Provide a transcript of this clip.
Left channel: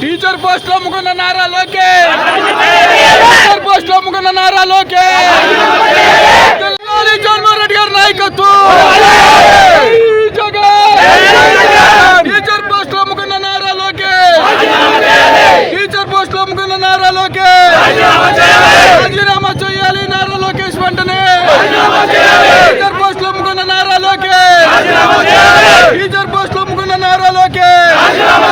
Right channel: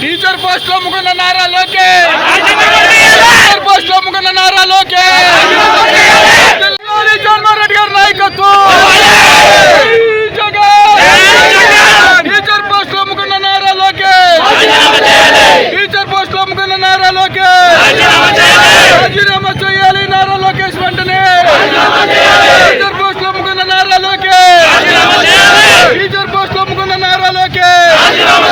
Teacher post లో ముకున్న Nara Lokesh, teacher post లో ముకున్న నారా లోకేష్, జగన్మోహన్ రెడ్డి గారి నాయకత్వం, టీచర్ పోస్ట్ లో ముకున్న నారా లోకేష్, టీచర్ పోస్ట్ లో ముకున్న నారా లోకేష్, రాజీనామా చేయాలి నారా లోకేష్ వెంటనే, టీచర్ పోస్ట్ లో ముకున్న నారా లోకేష్, టీచర్ పోస్ట్ లో ముకున్న నారా లోకేష్.